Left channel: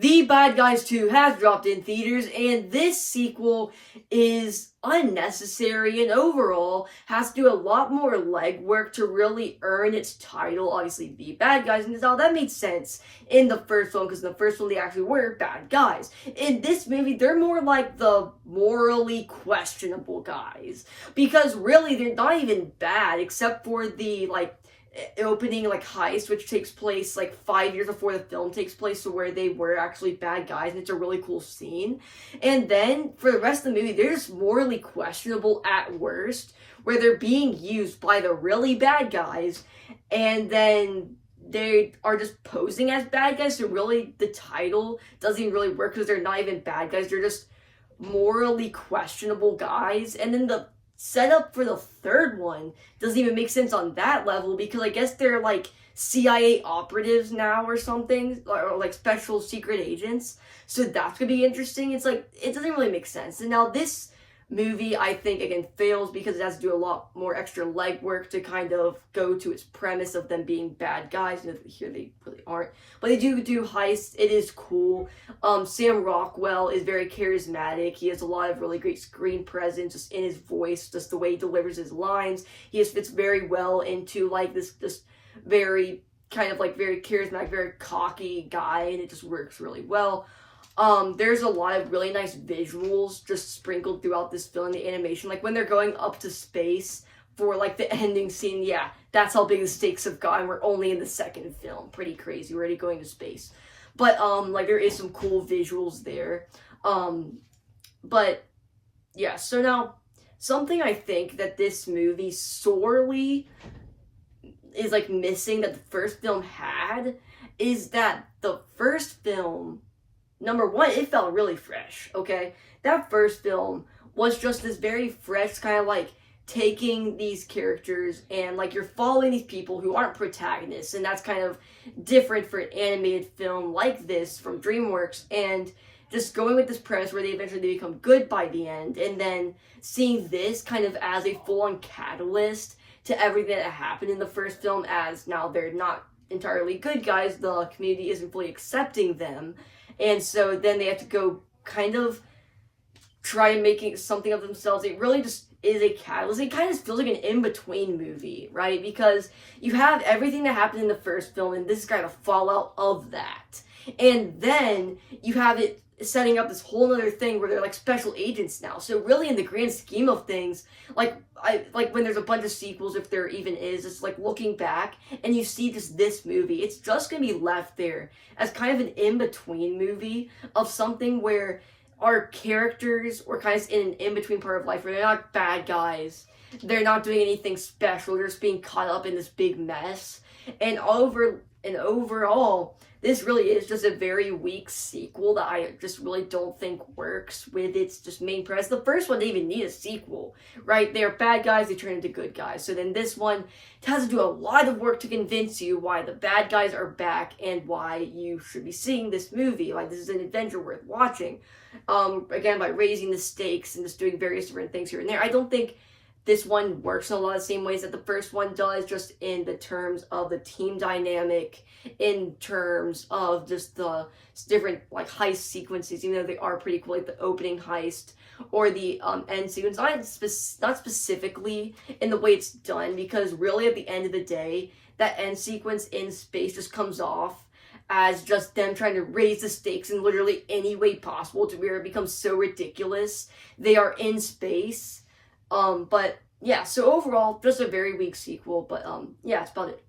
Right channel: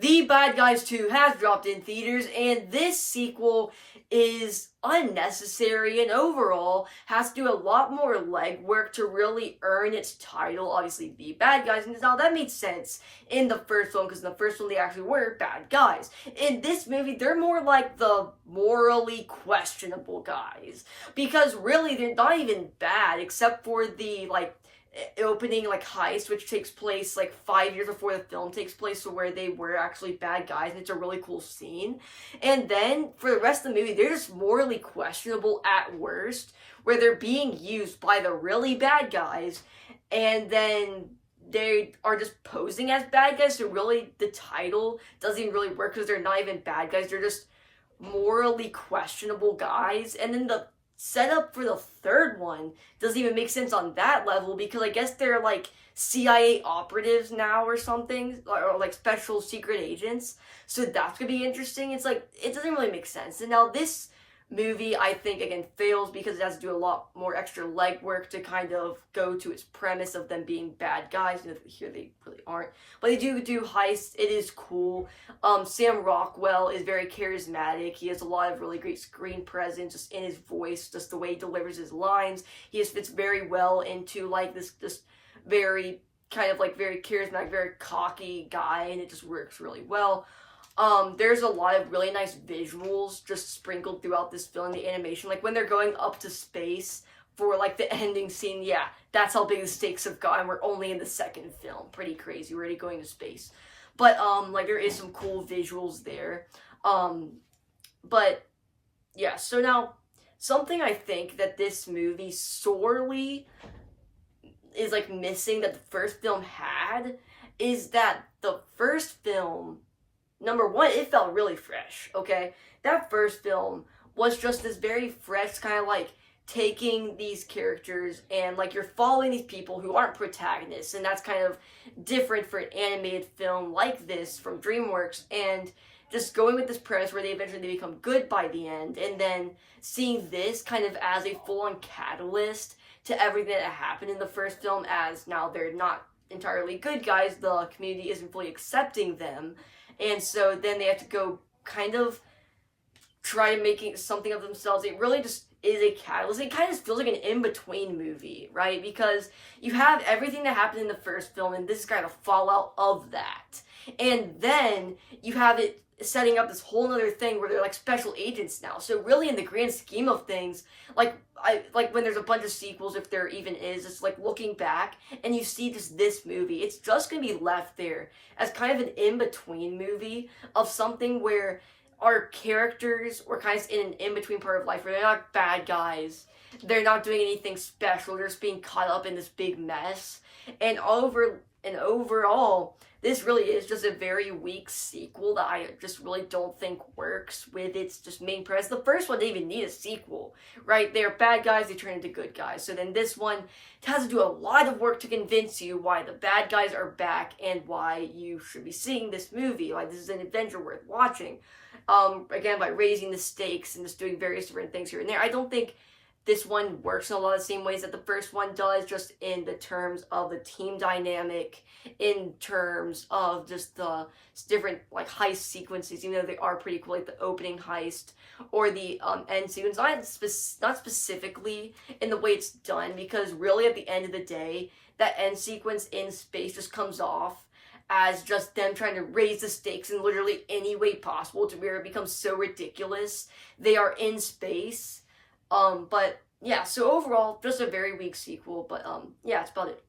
The Bad Guys 2 has dropped in theaters, and this sequel is unnecessary and overall has to do a lot more legwork to really earn its title. Obviously, The Bad Guys, and now that made sense in the first one, because in the first one they actually were bad guys. In this movie, they're more like the morally questionable guys, because really they're not even bad, except for the, opening heist, which takes place 5 years before the film takes place, so where they were actually bad guys, and it's a really cool scene. And then for the rest of the movie, they're just morally questionable at worst, where they're being used by the really bad guys, and then they are just posing as bad guys. So really the title doesn't even really work, because they're not even bad guys, they're just morally questionable guys. And then the setup for the third one doesn't even make sense on that level, because I guess they're CIA operatives now or something, or special secret agents, so that's gonna be interesting. It's it doesn't really make sense. And now this movie, I think, again, fails because it has to do a lot more extra legwork to kind of go to its premise of them being bad guys. And here they really aren't, but they do heists. It is cool. Sam Rockwell is very charismatic. He has a lot of really great screen presence, just in his voice, just the way he delivers his lines. He just fits very well into this very kind of very charismatic, very cocky guy, and it just works really well. There's a lot of really nice visuals just sprinkled throughout this film, the animation, when they're going up to space for the ending scene. Yeah, that's how big the stakes have gotten. We're only in the second film. Pretty crazy. We're already going to space. But there is some cool visuals there. But yeah, so now something I think that this movie sorely is missing that the first film had is that the first film, number one, it felt really fresh, okay? That first film was just this very fresh kind of taking these characters and you're following these people who aren't protagonists, and that's kind of different for an animated film like this from DreamWorks, and just going with this premise where they eventually become good by the end, and then seeing this kind of as a full-on catalyst to everything that happened in the first film, as now they're not entirely good guys, the community isn't fully accepting them. And so then they have to go kind of try making something of themselves. It really just is a catalyst. It kind of feels like an in-between movie, right? Because you have everything that happened in the first film, and this is kind of fallout of that. And then you have it setting up this whole other thing where they're special agents now. So really, in the grand scheme of things, when there's a bunch of sequels, if there even is, it's looking back and you see this movie, it's just gonna be left there as kind of an in-between movie of something where our characters were kind of in an in-between part of life where they're not bad guys, they're not doing anything special, they're just being caught up in this big mess. And overall, this really is just a very weak sequel that I just really don't think works with its just main premise. The first one didn't even need a sequel, right? They're bad guys, they turn into good guys. So then this one has to do a lot of work to convince you why the bad guys are back and why you should be seeing this movie. This is an adventure worth watching. Again, by raising the stakes and just doing various different things here and there. I don't think this one works in a lot of the same ways that the first one does, just in the terms of the team dynamic, in terms of just the different heist sequences, even though they are pretty cool, the opening heist or the end sequence. Not specifically in the way it's done, because really at the end of the day, that end sequence in space just comes off as just them trying to raise the stakes in literally any way possible to where it becomes so ridiculous. They are in space. But yeah, so overall, just a very weak sequel, but yeah, that's about it.